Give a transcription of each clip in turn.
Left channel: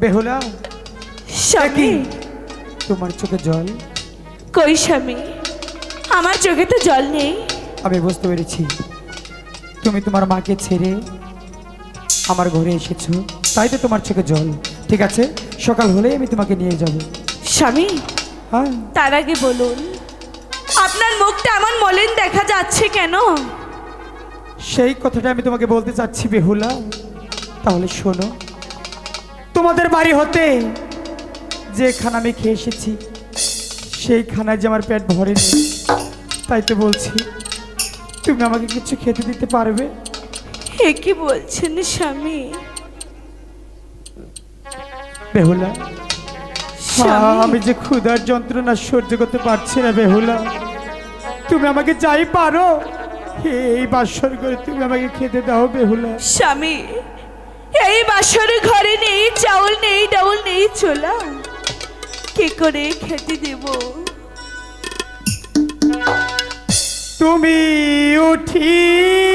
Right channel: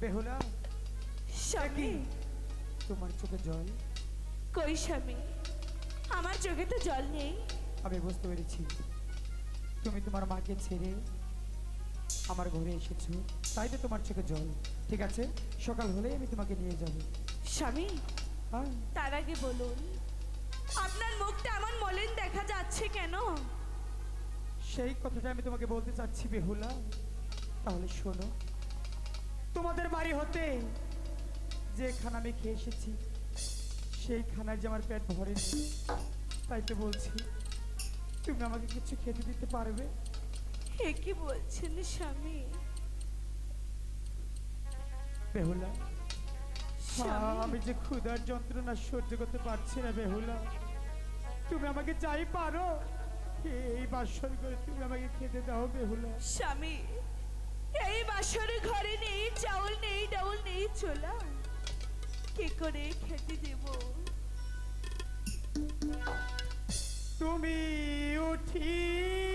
বেহুলা স্বামী। তোমার চোখে জল? কই স্বামী? আমার চোখে তো জল নেই। আমি বুঝতে পেরেছি। তুমি তোমার মাকে ছেড়ে আমার ঘরে এসেছ তাই তো তোমার চোখে জল। ঠিক আছে সকাল হলেই আমি তোমাকে নিয়ে যাব। স্বামী হ্যাঁ। তার আগে বলুন আপনার মুখটা এমন মলিন দেখা যাচ্ছে কেন? সেই কথাটা আমি তোমাকে বলতে চাচ্ছি বেহুলা। তাহলে শোনো তোমাদের বাড়ি হতে যে খানা আমি খেয়ে এসেছি সেই খানায় যে আমার পেট ভরেনি তাই তো বলছি তুমি আমাকে কিছু খেতে দিতে পারবে? এ কি বলছেন স্বামী? বেহুলা আমি যে ক্ষুধার যন্ত্রণা সহ্য করতে পারছি না বেহুলা। তুমি আমাকে যাই পারো এই বাসর করে তুমি আমাকে খেতে দাও বেহুলা। স্বামী এই বাসরে ঘরে নেই চোলা কি করে খেতে দেব? তুমি উঠিয়া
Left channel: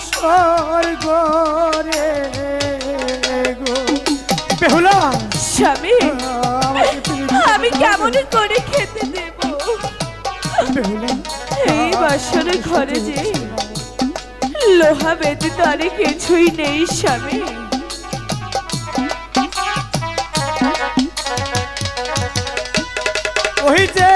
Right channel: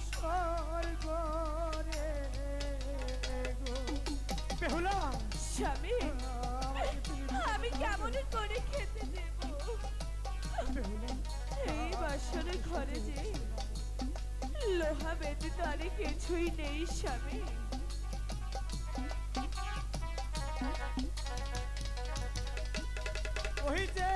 আসর গোরে গো। বেহুলা! স্বামী আমি কেমন করে খেতে দেব? এই বাসরে ঘরে যে লোহা বেঁধে তারে কিছুই নেই স্বামী। ওই যে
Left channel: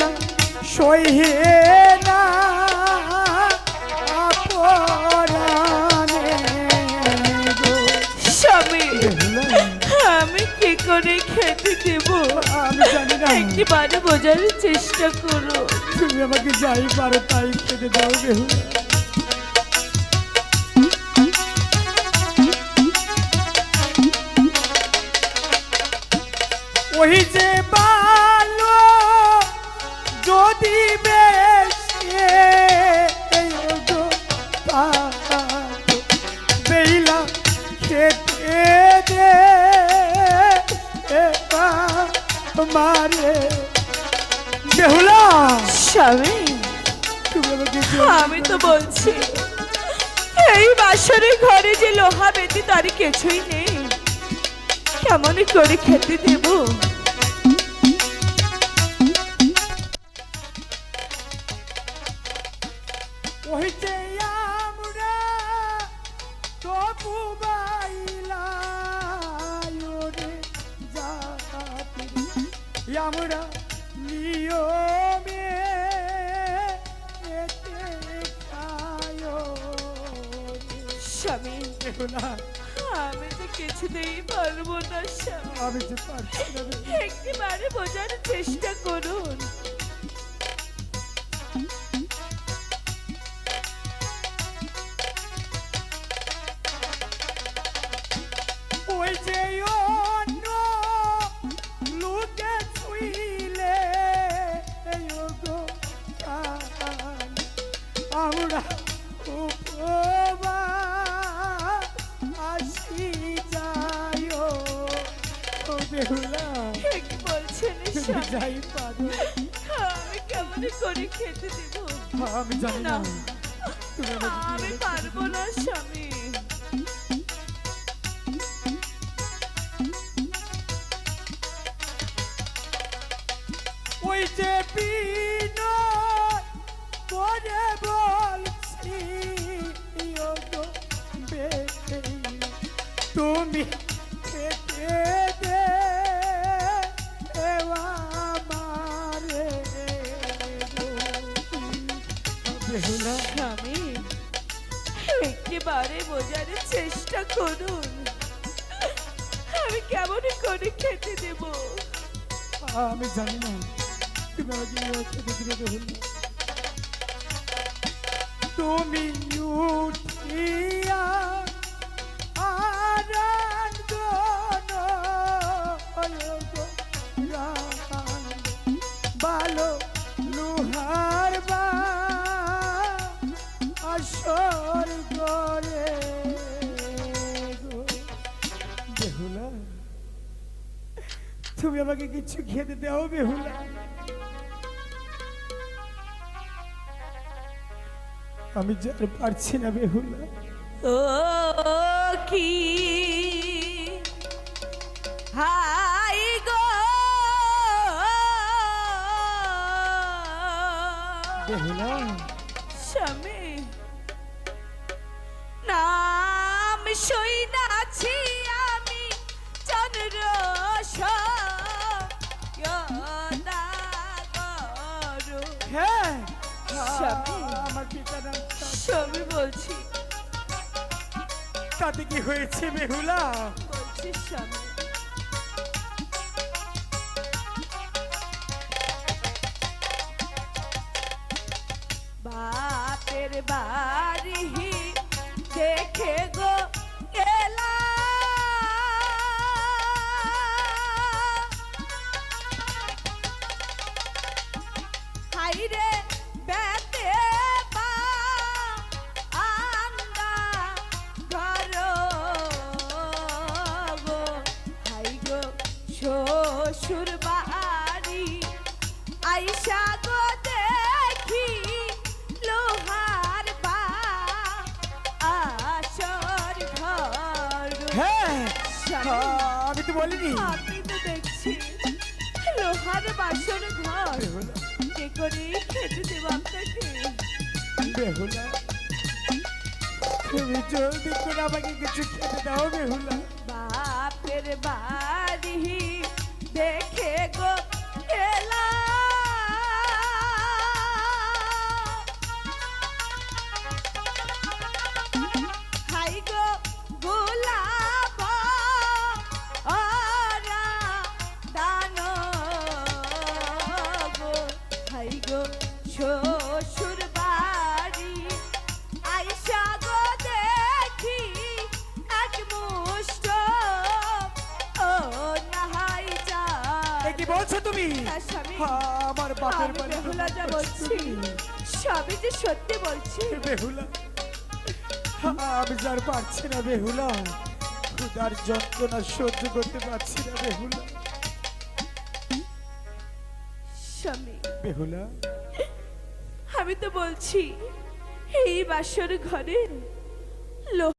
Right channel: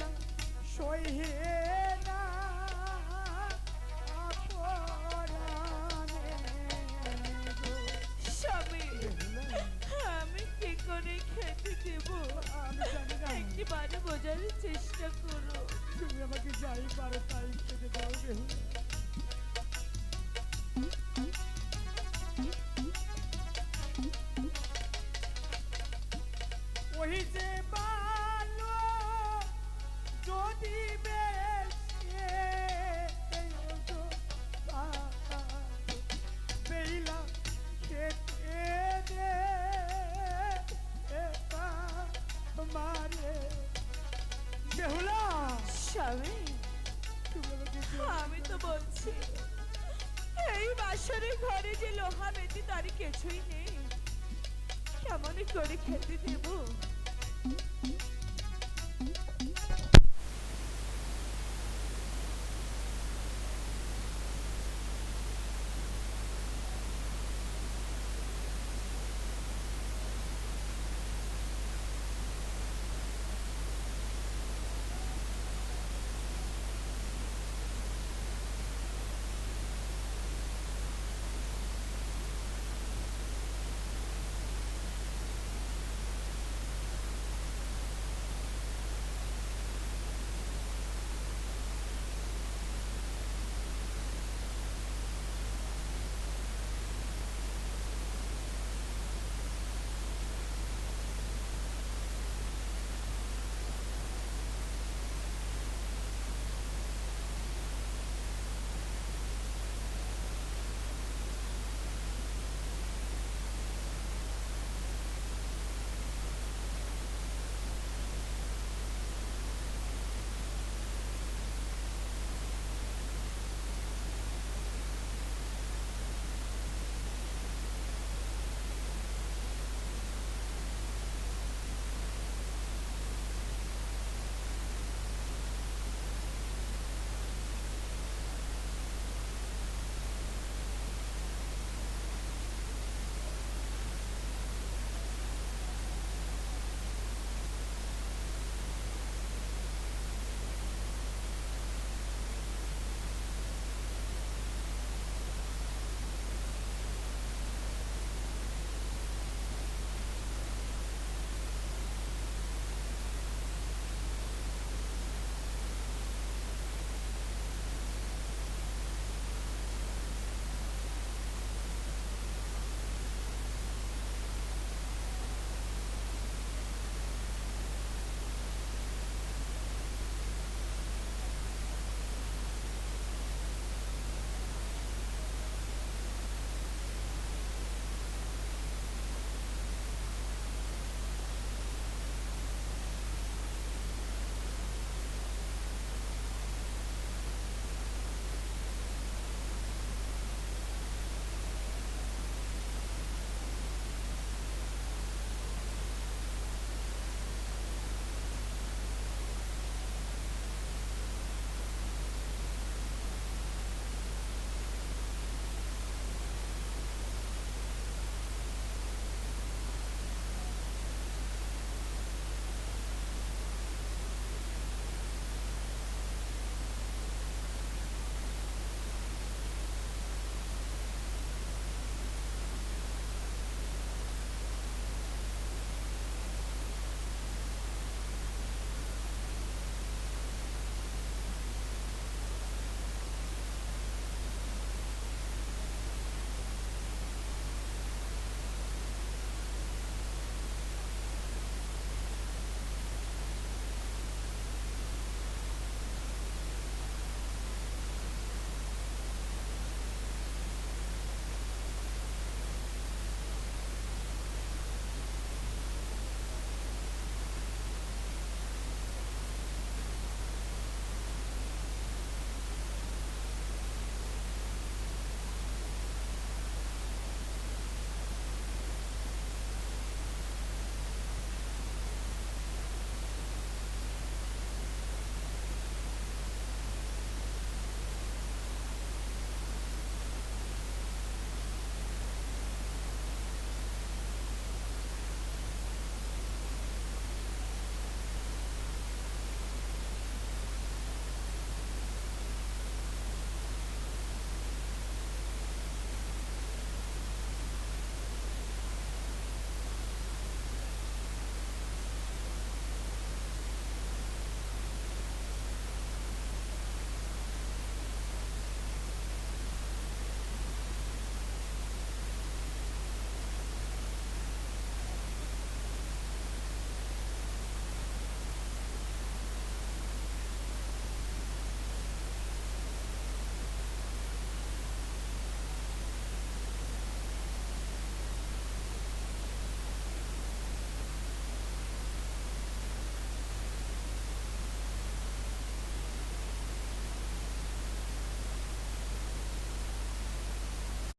না। স্বামী বেহুলা, আমি কি করে খেতে দেব? আমি জানি না। একটিবারে বোঝার চেষ্টা করো। তুমি আমাকে যাই পারো তাই খেতে দাও বেহুলা ওই যে বালো মারে। বেহুলা! স্বামী তুমি আমাকে আমি তো বলছি এই বাসরে ঘরে যে লোহা বেঁধে তার কিছুই নেই। কেমন করে খেতে দেব? আমরা নিয়মে স্বামী আমি তো কিছুতেই পারব না স্বামী। আমি যে পারছি না। একটিবারে বোঝার চেষ্টা করুন। ঠিক বলছেন যাই পারো। আমি কেমন করে খেতে দেব? আমি জানি না আমি পারব না স্বামী। ওই যে করুন। আমি কেমন করে খেতে দেব? আমি জানি না। তুমি তুমি তুমি আমাকে কিছু খেতে দাও বেহুলা আমি যেতে পারছি না বেহুলা ও কি? হাই গো! বেহুলা স্বামী নাম সইনাছি হয়েছে বেহুলা শ্বশুর বাড়ি আইসা গো দেখি লোহার পা। আসর ঘর। হ্যাঁ স্বামী, আমি তো বলিনি আমি তো দেখছি। লোহার বাসর ঘর। কে করে খেতে দেব আপনাকে বেহুলা তুমি জলদি করে আমাকে কিছু খেতে দাও বেহুলা। বলছো তুমি? হ্যাঁ, আমার বাপের আমি বাড়ি। বেহুলা যা বলছি। সবই যে সত্যি বলছি। বেহুলা? হ্যাঁ, আমি যার পারছি না বেহুলা। ক্ষুধার যন্ত্রণা সহ্য করতে পারছি না বেহুলা। বেহুলা? আমি তো বলছি এই বাসর ঘরের লোক